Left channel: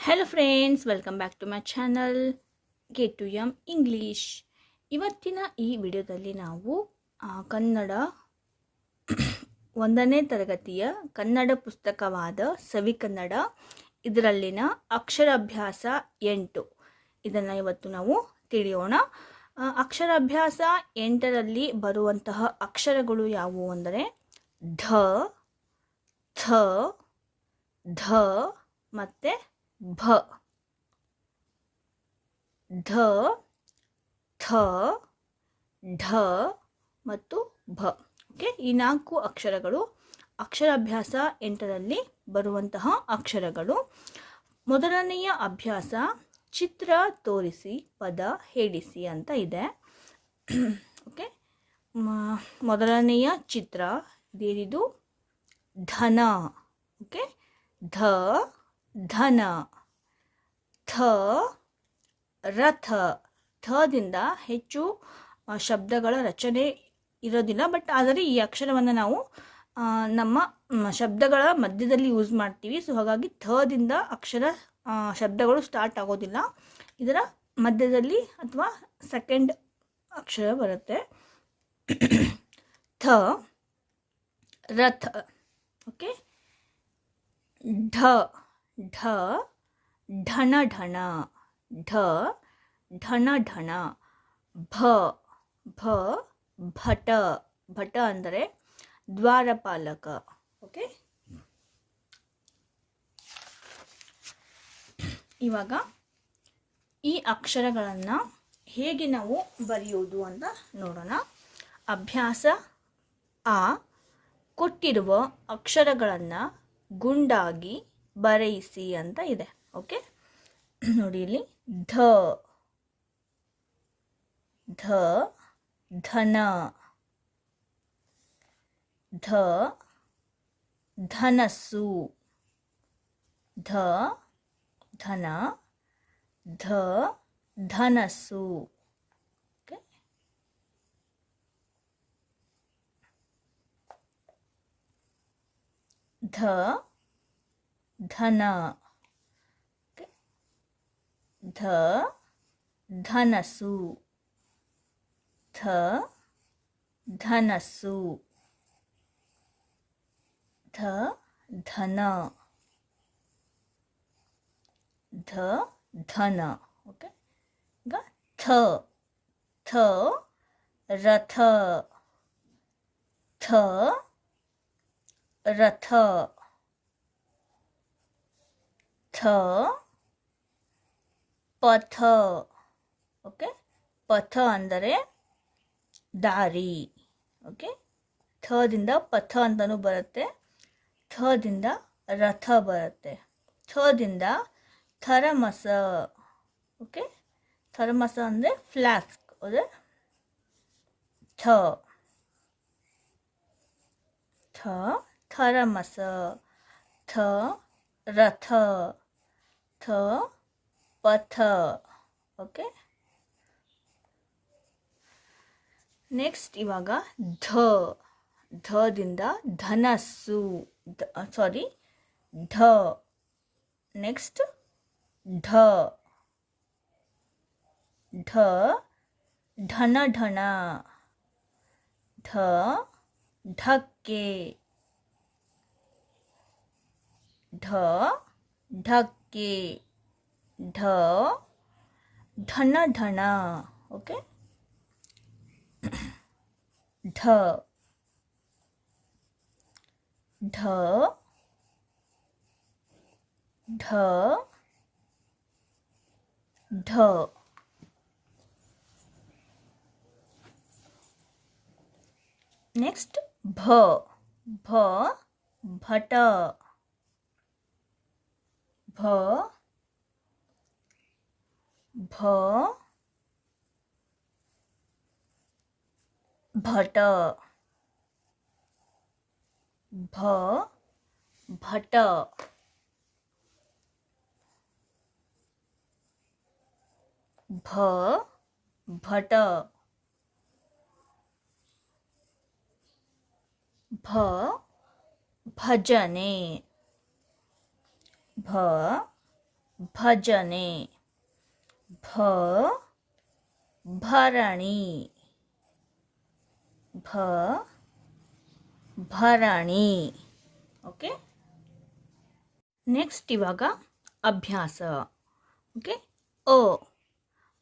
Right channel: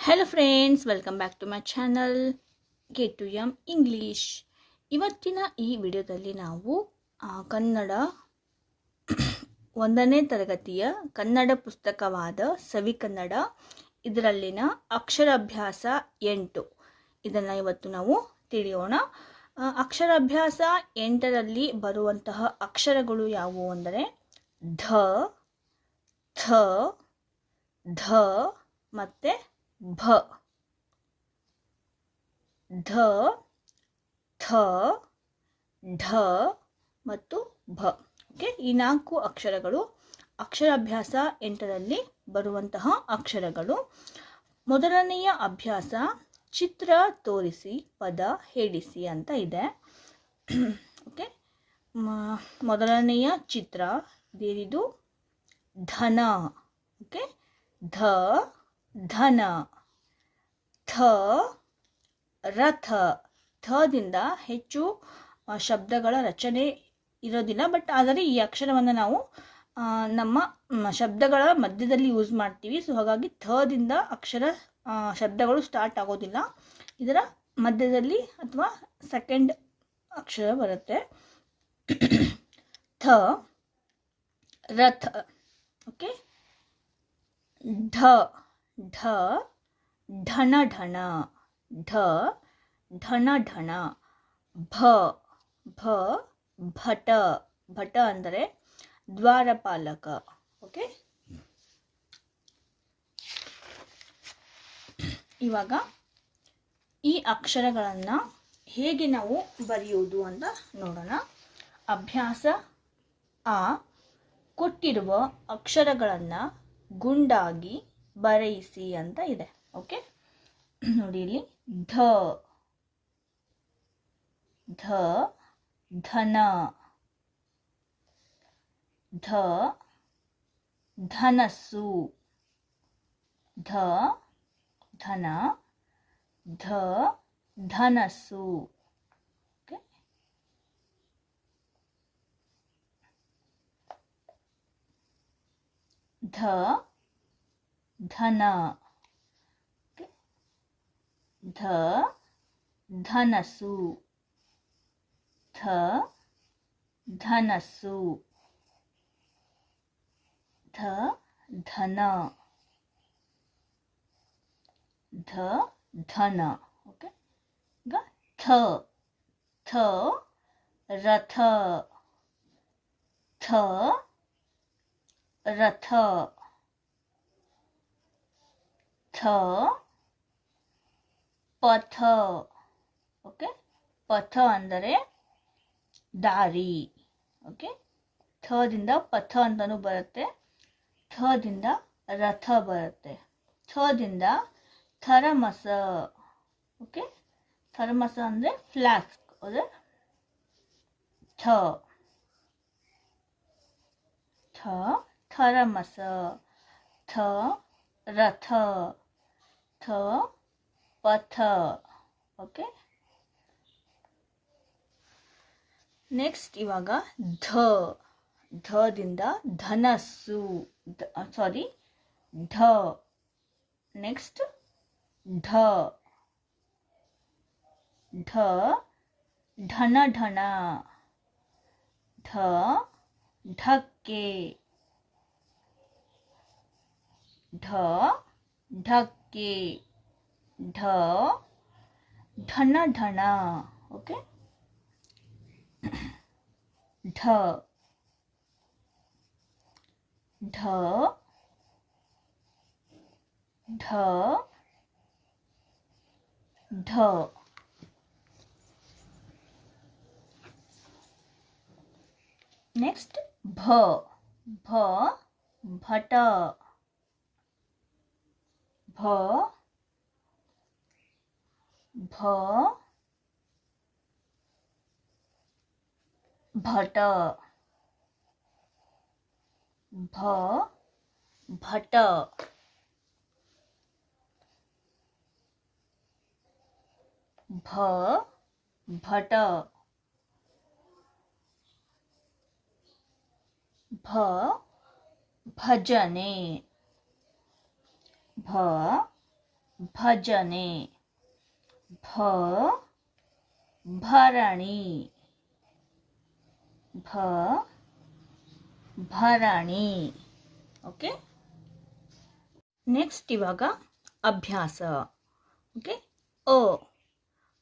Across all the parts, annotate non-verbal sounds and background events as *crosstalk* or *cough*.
Hello friends welcome back to my channel K to M English ಇವತ್ತಿನ ಈ ವಿಡಿಯೋದಲ್ಲಿ ನಾವು ಕನ್ನಡ *coughs* ಒಂದನೇ ತರಗತಿಯ ಕನ್ನಡ ಪುಸ್ತಕವಾದ ಸವಿ ಕನ್ನಡ, ಇದರಲ್ಲಿನ ಅಕ್ಷರಾಭ್ಯಾಸ ಎಂಟು. ಇದನ್ನು ಇವತ್ತು ನಾವು ತಿಳಿಯೋಣ. ಅಕ್ಷರಾಭ್ಯಾಸ ಎಂಟರಲ್ಲಿ ಬರುವಂತಹ ಅಕ್ಷರಗಳು ಯಾವುವು ಅಂದರೆ, ಧ, ಥ, ಧ ಮತ್ತು ಭ ಧ ಥ ಢ ಮತ್ತು ಭ ಓಕೆ ಈ ನಾಲ್ಕು ಅಕ್ಷರಗಳು ಅಕ್ಷರಾಭ್ಯಾಸ ಎಂಟರಲ್ಲಿ ಬರುವಂತಹ ಅಕ್ಷರಗಳು. ಮೊದಲನೆಯ ಅಭ್ಯಾಸ ಚಿತ್ರ ತೋರಿಸಿ, ಪದ ಹೇಳಿಸಿ ಅಂತ ಇದೆ. ಓಕೆ ಮೊದಲನೆಯ ಚಿತ್ರ ಬೇರಿದು ಧನ. ಓಕೆ ಧ ಧನ, ಥ, ರಥ. ಥದಿಂದ ಹೆಚ್ಚು ಶಬ್ದಗಳ ರಚನೆ ಇರೋದಿಲ್ಲ. ಬಟ್ ಆದರೆ ಈ ಅಕ್ಷರವನ್ನು ನಾವು ನಮ್ಮ ಶಬ್ದಗಳ ಮಧ್ಯದಲ್ಲಿ ಯೂಸ್ ಮಾಡ್ತೀವಿ. ಸೊ ಹಾಗಾಗಿ ಥದಿಂದ ಅಕ್ಷರ ಶಬ್ದಗಳು ಸ್ಟಾರ್ಟ್ ಆಗೋದಿಲ್ಲ. ಇದರ ಮಧ್ಯದಲ್ಲಿ ಅಥವಾ ಸೆಕೆಂಡ್ ಅಕ್ಷರ ಬರುತ್ತೆ. ಥ, ರಥ. ಓಕೆ ಢ ಢ ಢಣ ಢಣ ಢ ಢಣ ಢಣ ಭ ಭ, ಭಟ ಭಟ ಅಂದರೆ ದ್ವಾರಪಾಲಕ. ಓಕೆ ಇವಾಗ ಈ ಅಕ್ಷರಗಳನ್ನು ಹೇಗೆ ನಾವು ಬರೆಯುವುದು ಅಂತ ನೋಡೋಣ. ಅಭ್ಯಾಸ, ಆ, ಕೊಟ್ಟಿರುವ ಅಕ್ಷರಗಳನ್ನು ಗುಂಡಾಗಿ ಬರೆಯಿಸಿ ಅಂತ ಇದೆ. ಓಕೆ? ನೋಡಿ ಇಲ್ಲಿ. ಧ. ಧ. ಧನ. ಧ. ಧನಸ್ಸು. ಧ. ಧನ. ಧ. ಧನಸ್ಸು. ಓಕೆ? ಧ. ಧನ ಓಕೆ ಧ ಧನಸ್ಸು ಧ ಧನಸ್ಸು ಧ ಧನ ಧ ಧನ ಓಕೆ ಈಗ ಥ ಥ ರಥ ಥ ರಥ ಥ ಪಥ ಓಕೆ ಪಥ ಅಂದರೆ ದಾರಿ ಓಕೆ ಥದಿಂದ ಪಥ ಅಂತಲೂ ಬರುತ್ತೆ ಥದಿಂದ ರಥ ಬರುತ್ತೆ ಥದಿಂದ ಥರಮಸ ಓಕೆ ಥರ್ಮಸ ಅಂದರೆ ಫ್ಲಾಸ್ಕ್ ಅದೇ ಥ ಥ ಥರಮಸ ಥ ರಥ ಥ ಪಥ ಓಕೆ ನೆಕ್ಸ್ಟ್ ಇವಾಗ ಧ ಧದಿಂದ ಧನಸ್ಸು ಸಾರಿ ಢ ನೆಕ್ಸ್ಟ್ ಢ ಢ ಢನ ಢಣ ಢ ಢಕ್ಕೆ ಢ ಢಕ್ಕೆ ಢ ಢನ ಢಣ ಓಕೆ ಢ ಢ ಢ ಢ ನೆಕ್ಸ್ಟ್ ಭ ಭ ಭಟ ಭ ಭ ಭಟ ಭ ಭಟ ಭ ಭಟ ಭ ಭಜನೆ ಭ ಭಜನೆ. ಭ ಭರಣಿ. ಭ ಭರಣಿ. ಓಕೆ? ನೆಕ್ಸ್ಟ್ ಇವಾಗ ಅಭ್ಯಾಸ. ಓಕೆ? ಅ,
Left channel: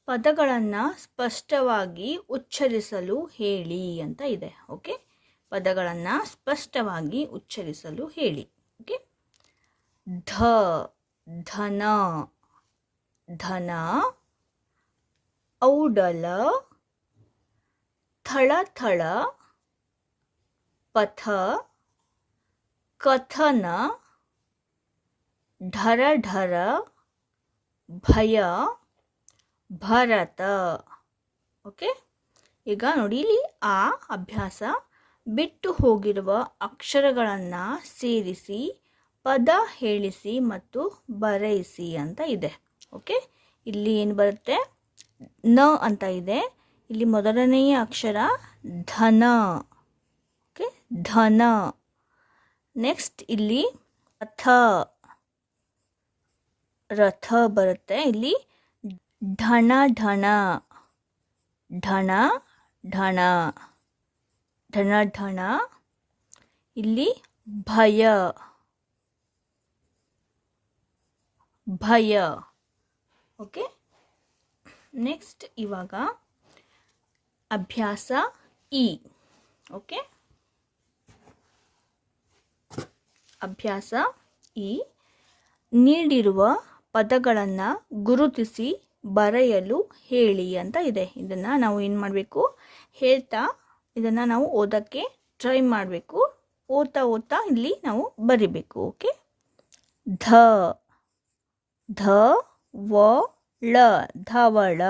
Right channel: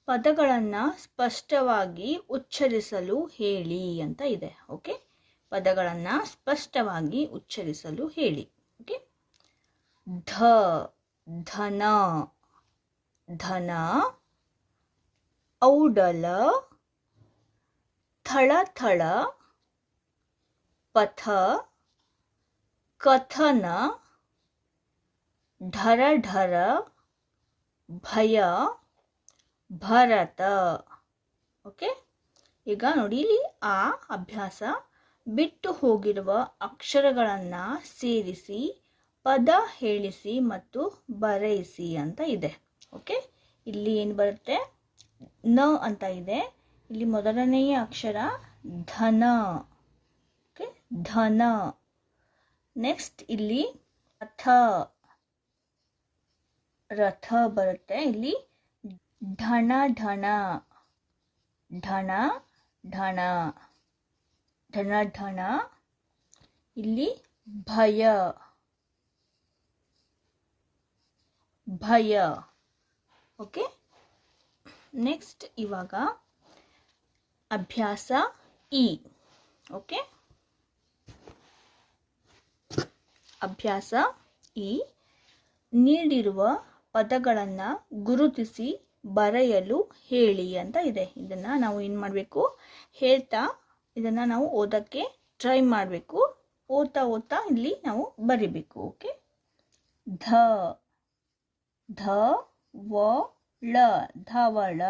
ಪದಗಳನ್ನು ಸ್ಪಷ್ಟವಾಗಿ ಉಚ್ಚರಿಸಲು ಹೇಳಿ ಅಂತ ಇದೆ. ಓಕೆ? ಪದಗಳನ್ನು ಸ್ಪಷ್ಟವಾಗಿ ಉಚ್ಚರಿಸಲು ಹೇಳಿ. ಓಕೆ? ಧ, ಧನ ಧನ, ಔಡಲ, ಥಳಥಳ, ಪಥ, ಕಥನ ಢರ ಢರ ಭಯ, ಭರತ. ಓಕೆ? ಈಗ ನೋಡಿ, ಇಲ್ಲಿ ಆ ಅಭ್ಯಾಸ ಬಿಟ್ಟು ಹೋಗಿರುವ ಅಕ್ಷರಗಳನ್ನು ಸೇರಿಸಿ ಪದ ಹೇಳಿಸಿ ಮತ್ತು ಬರೆಯಿಸಿ ಅಂತ ಇದೆ. ಓಕೆ? ಇಲ್ಲಿ ಏನು ಬರುತ್ತೆ? ನ ಅಂತ ಇದೆ. ಇಲ್ಲಿ ಮೊದಲನೆಯ ಅಕ್ಷರ ಧನ. ಓಕೆ? ಧನ. ನೆಕ್ಸ್ಟ್ ಇಲ್ಲಿ ರಥ. ರಥ ಬರುತ್ತೆ. ಇಲ್ಲಿ ಢಣ ಢಣ ಢಣ ಢಣ ಢಣ ಢಣ ಇಲ್ಲಿ ಭಯ. ಭಯ. ಓಕೆ ನೆಕ್ಸ್ಟ್ ಇವಾಗ ಅಭ್ಯಾಸ ಇ. ಓಕೆ ಅಭ್ಯಾಸ ಇ. ನೀಡಿರುವ ಪದಗಳನ್ನು ಗುರುತಿಸಿ ಬರೆಯಲು ಹೇಳಿ ಅಂತ ಇದೆ. ಇದನ್ನು ನಾವು ಏನು ಮಾಡಬೇಕು? ಹೇಳ್ತಾ ಇದನ್ನು ನಾವು ಓದೋಕ್ಕೆ ಟ್ರೈ ಮಾಡಬೇಕು. ಓದ್ತಾ ಓದ್ತಾ ಇಲ್ಲಿ ನಾವು ಬರಿಬೇಕು. ಓಕೆ ಧ. धवळ धवळ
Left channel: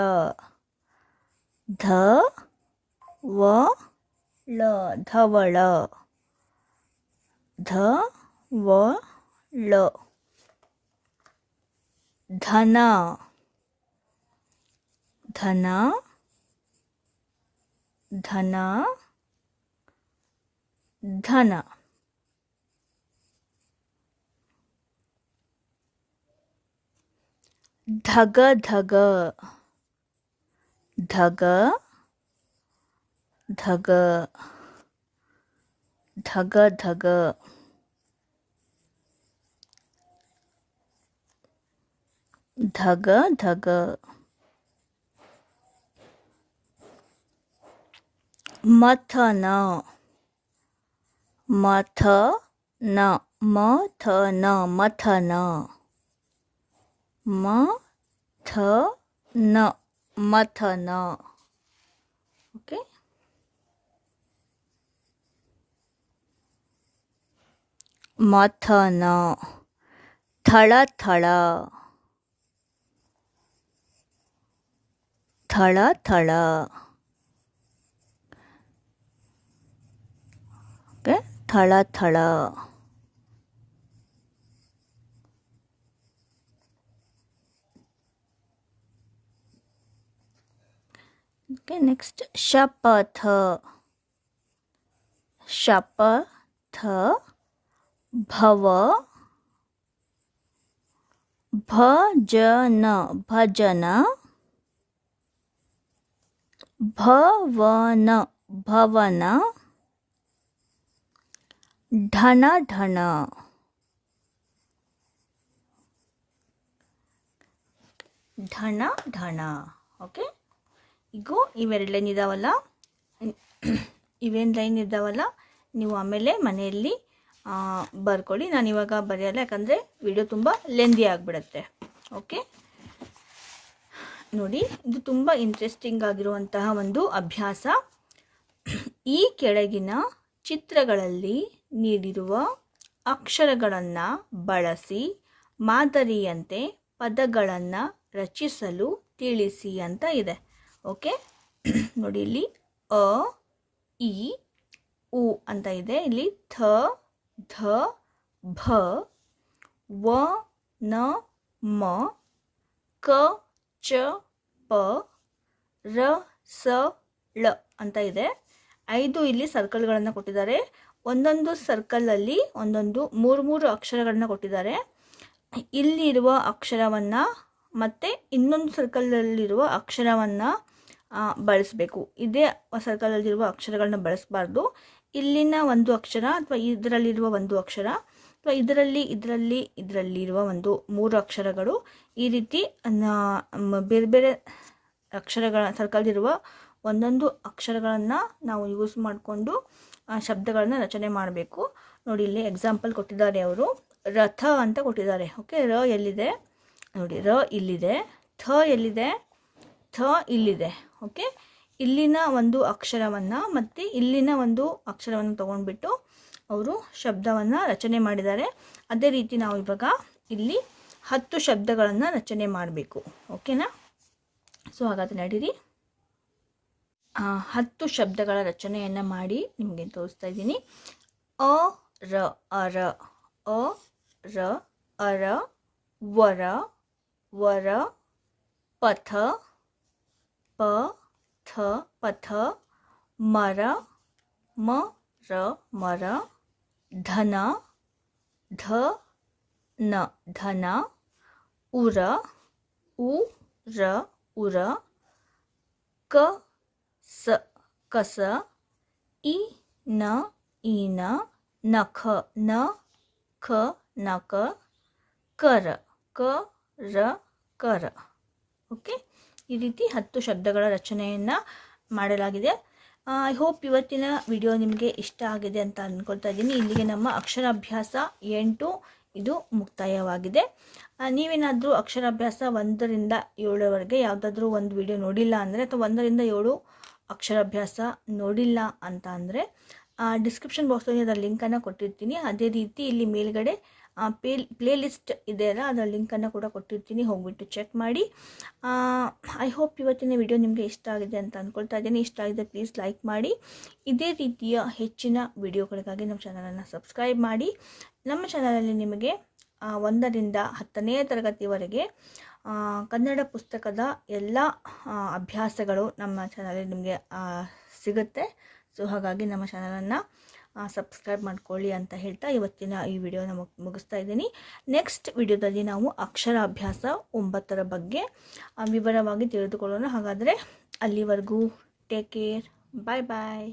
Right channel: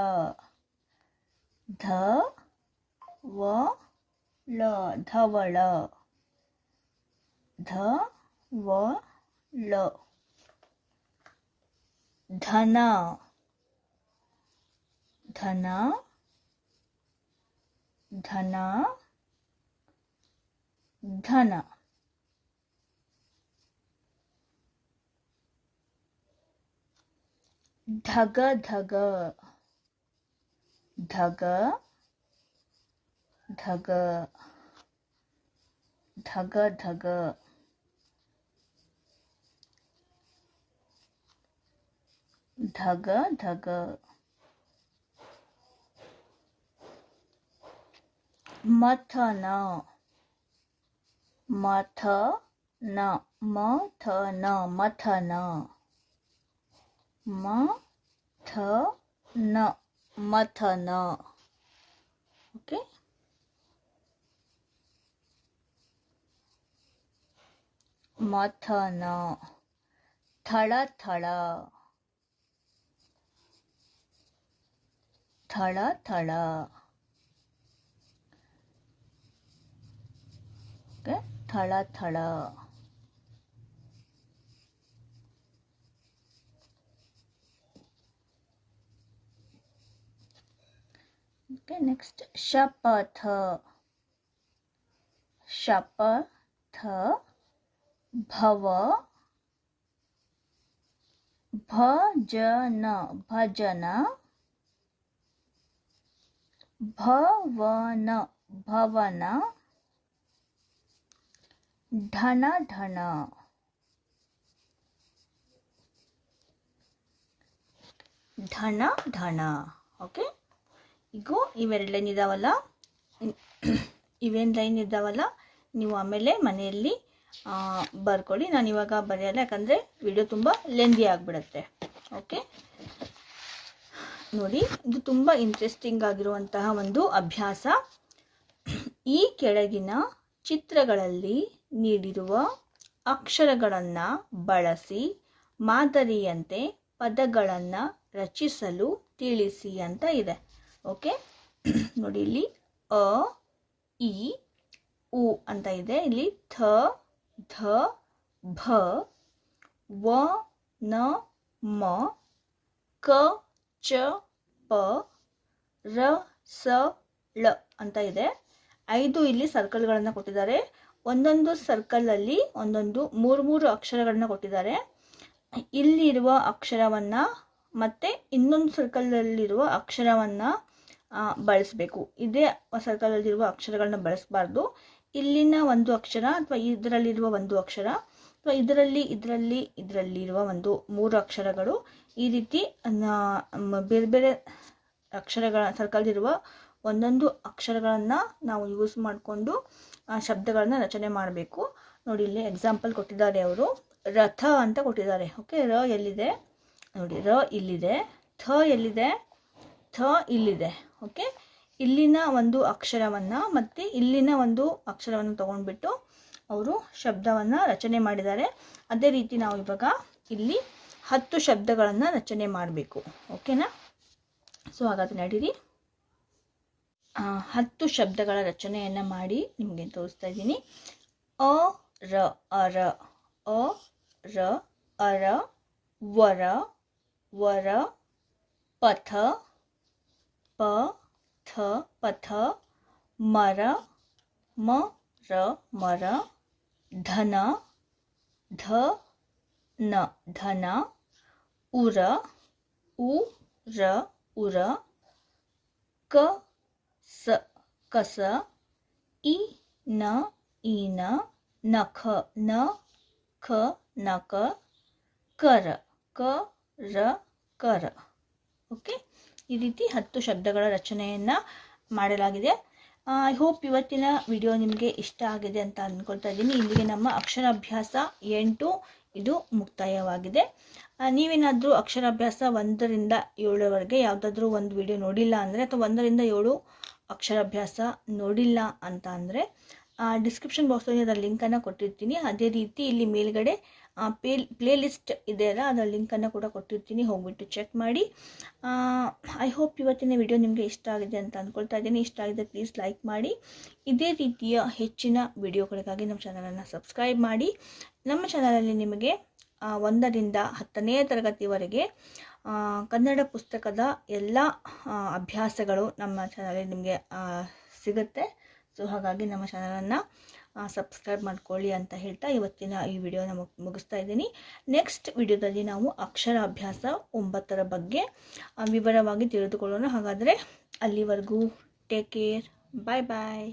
धवळ धवळ धवळ धन धन धन धन ಧಗ ಧಗ ಧಗ ಧಗ ಧಗ ಧಗ ಧಗ ಧಗ ಮಥನ ಮಥನ ಮಥನ ಮಥನ 마, 터, 너, 마터, 너. 오케이? 마터, 너. थड़ा थड़ा थड़ा थड़ा ओके थड़ा थड़ा ओके नेक्स्ट शपथ शपथ भव भजन भजन भवन भवन धन धन धन धन ओके okay? ಈಗ ಇವೆರಡು ಲೈನ್ ಇದ್ದಾವಲ್ಲ ಇವೇನು ಲೈನ್ ಇದ್ದಾವಲ್ಲ ನೀವು ಆಮೇಲೆ ಮನೆಯಲ್ಲಿ ಬರ್ಕೊಳ್ಳಿ. ನಾನು ಇವಾಗ ಬರೆಯಲ್ಲ, ಯಾಕಂದರೆ ವಿಡಿಯೋ ತುಂಬ ಲೆಂದಿ ಆಗಿಬಿಡತ್ತೆ. ಓಕೆ ನೋಡಿ, ಇದು ತುಂಬ ಇಂಟ್ರೆಸ್ಟಿಂಗ್ ಆಗಿರುವಂತಹ ಒಂದು ಅಭ್ಯಾಸ. ಈ ಕೆಳಗಿನ ಚಿತ್ರಗಳಲ್ಲಿ ನೀಡಿರುವ ಅಕ್ಷರಗಳನ್ನು ಬಳಸಿ, ಮಾದರಿಯಂತೆ ಪದಗಳನ್ನು ರಚಿಸಲು ತಿಳಿಸಿ ಅಂತ ಇದೆ. ಓಕೆ *coughs* ನೋಡಿ ಇಲ್ಲಿ ಅ, ಇ, ಉ ಅಂತ ಇದೆ. ಇಲ್ಲಿ ಥ, ಧ, ಭ, ವ, ನ, ಮ, ಕ, ಚ, ಪ, ರ, ಸ, ಳ ಅಂತ ಇದೆ. ಐದು ಇಲ್ಲಿ ಸರ್ಕಲ್ಗಳನ್ನು ಕೊಟ್ಟಿದ್ದಾರೆ. ಒಂದೊಂದು ಸರ್ಕಲಲ್ಲಿ ಒಂದೊಂದು ಮೂರು ಮೂರು ಅಕ್ಷರಗಳನ್ನ ಕೊಟ್ಟಿದ್ದಾರೆ. ಇಲ್ಲಿರುವ ಅಕ್ಷರವನ್ನು ಮತ್ತು ಇನ್ನೊಂದು ಸರ್ಕಲಲ್ಲಿರುವ ಅಕ್ಷರವನ್ನು ಬಳಸಬೇಕು. ಇದೇ ಸರ್ಕಲಲ್ಲಿರುವ ಅಕ್ಷರಗಳನ್ನ ಬಳಸಬಾರ್ದು. ಇಲ್ಲಿನ ಒಂದು ಅಕ್ಷರ ಅಥವಾ ಇದರಲ್ಲಿರುವ ಒಂದು ಅಕ್ಷರ ಅಥವಾ ಇದರಲ್ಲಿ ಇದರಲ್ಲಿ, ಇದರಲ್ಲಿರುವ ಒಂದು ಮೂರು ಅಕ್ಷರಗಳು ಈ ರೀತಿ ಬೇರೆ ಬೇರೆ ಅಕ್ಷರಗಳ ಸರ್ಕಲ್ದಿರುವ ಒಂದೊಂದು ಅಕ್ಷರಗಳನ್ನು ನಾವು ಯೂಸ್ ಮಾಡಿಕೊಂಡು ಶಬ್ದಗಳನ್ನು ರಚನೆ ಮಾಡಬೇಕು. ನೋಡಿ, ಇಲ್ಲಿ ಎಕ್ಸಾಂಪಲ್ ಕೊಟ್ಟಿದ್ದಾರೆ ಅವರು. ರಥ ಅಂತ ಕೊಟ್ಟಿದ್ದಾರೆ. ಓಕೆ ರ ಎಲ್ಲಿದೆ? ನೋಡಿ, ರ ಇಲ್ಲಿದೆ. ಥ ಎಲ್ಲಿದೆ? ಥ ಇಲ್ಲಿದೆ. ಓಕೆ ಇಲ್ಲಿನ ಒಂದು ಅಕ್ಷರವನ್ನು ಮತ್ತು ಇಲ್ಲಿನ ಒಂದು ಅಕ್ಷರವನ್ನು ತಗೊಂಡ್ಬಿಟ್ಟು ಅವರು ಶಬ್ದವನ್ನು ರಚನೆ ಮಾಡಿದ್ದಾರೆ. ಅದೇ ರೀತಿ ನಾವು ಇವಾಗ ಇಲ್ಲಿ ಹತ್ತು ಶಬ್ದಗಳನ್ನು ರಚನೆ ಮಾಡಬೇಕು. ಓಕೆನಾ ಸೊ ಹಾಗಾದ್ರೆ ನಡೀರಿ. ಹತ್ತು ಶಬ್ದಗಳ ರಚನೆಯನ್ನು ಮಾಡಿ ನಿಮಗೆ ತೋರಿಸ್ತಾ ಇದ್ದೀನಿ. ಅ, ರ ಅರ ಅ, ರ ಅರ ವರ ವರ ಪಥ ಪ ಥ ಪಥ ಮರ ಮ ರ ಮರ ಧನ ಧ ನ ಧನ ಉರ ಉ ರ ಉರ ಕ ಸ ಕಸ ಇ ನ ಈನ ನಖ ನ ಖ ನಕ ಕರ ಕ ರ ಕರ ಓಕೆ ಈ ರೀತಿ ಹತ್ತು ಶಬ್ದಗಳ ರಚನೆಯನ್ನು ಮಾಡಲಾಗಿದೆ. ಐ ಹೋಪ್ ಇವತ್ತಿನ ವಿಡಿಯೋ ನಿಮಗೆ ಇಷ್ಟ ಆಗಿದೆ ಅಂತ ಅಂದ್ಕೊಳ್ತಾ ಇದ್ದೀನಿ. ಇಲ್ಲಿಗೆ ನಮ್ಮ ಅಕ್ಷರಾಭ್ಯಾಸ ಎಂಟು, ಇದು ಮುಕ್ತಾಯವಾಗಿದೆ. ನೀವೇನಾದರೂ ಅಕ್ಷರಾಭ್ಯಾಸ ಒಂದರಿಂದ ಏಳರವರೆಗೆ ಯಾವುದಾದ್ರೂ ಒಂದು ವಿಡಿಯೋ ನೋಡಿಲ್ಲ ಅಂದರೆ ಅಥವಾ ಒಂದರಿಂದ ಏಳು ಅಕ್ಷರಾಭ್ಯಾಸ ನೋಡಿಲ್ಲ ಅಂತ ಅಂದರೆ ಡಿಸ್ಕ್ರಿಪ್ಷನ್ ಬಾಕ್ಸಲ್ಲಿ ಅದರ ಲಿಂಕನ್ನು ಕೊಟ್ಟಿರ್ತೀನಿ. ಅದೇ ರೀತಿ ಇಲ್ಲಿ ಮೇಲ್ಗಡೆ ಪೇ ಪ್ಲೇ ಲಿಸ್ಟ್ ಇದೆ ಅಲ್ಲ ಅದರ ಲಿಂಕನ್ನು ಕೂಡ ಕೊಟ್ಟಿರ್ತೀನಿ, ಹೋಗ್ಬಿಟ್ಟು ಚೆಕ್ ಮಾಡಿ. ಐ ಹೋಪ್ ಇವತ್ತಿನ ವಿಡಿಯೋ ನಿಮಗೆ ಇಷ್ಟ ಆಗಿದೆ ಅಂತ ಅಂದ್ಕೊಳ್ತಾ ಇದ್ದೀನಿ. ಇಷ್ಟ ಆಗಿದೆ ಪ್ಲೀಸ್ ಲೈಕ್ ಮಾಡಿ. ಇದೇ ರೀತಿಯ ಹೆಚ್ಚಿನ ವಿಡಿಯೋಗಳಿಗಾಗಿ ನಮ್ಮ ಚಾನಲನ್ನು ಸಬ್ಸ್ಕ್ರೈಬ್ ಮಾಡಿ. ನಮ್ಮ ಚಾನಲಲ್ಲಿ ನಿಮಗೆ ಒಂದರಿಂದ ಹತ್ತನೇ ತರಗತಿವರೆಗೆ ಕನ್ನಡ ಪುಸ್ತಕದ ಎಲ್ಲ ಅಭ್ಯಾಸಗಳು ನಮ್ಮ ಚಾನಲಲ್ಲಿ ನಿಮಗೆ ಸಿಗುತ್ತೆ. ಸೊ ಹಾಗಾಗಿ ನಮ್ಮ ಚಾನಲನ್ನು ಸಬ್ಸ್ಕ್ರೈಬ್ ಮಾಡ್ಕೊಳ್ಳಿ ಅಂತ ಹೇಳ್ತಾ ಇವತ್ತಿನ ಈ ವಿಡಿಯೋನ ಮುಗ್, ಮುಗಿಸ್ತಾ ಇದ್ದೀನಿ. ನೆಕ್ಸ್ಟ್ ವಿಡಿಯೋದಲ್ಲಿ ನಾವು ಅಕ್ಷರಾಭ್ಯಾಸ ಒಂಬತ್ತರ ಬಗ್ಗೆ ವಿವರವಾಗಿ ತಿಳಿದುಕೊಳ್ಳೋಣ. ಹಾಗಾದರೆ ಅಲ್ಲಿವರೆಗೂ ಟೇಕ್ ಕೇರ್ ಬಾಯ್ ಬಾಯ್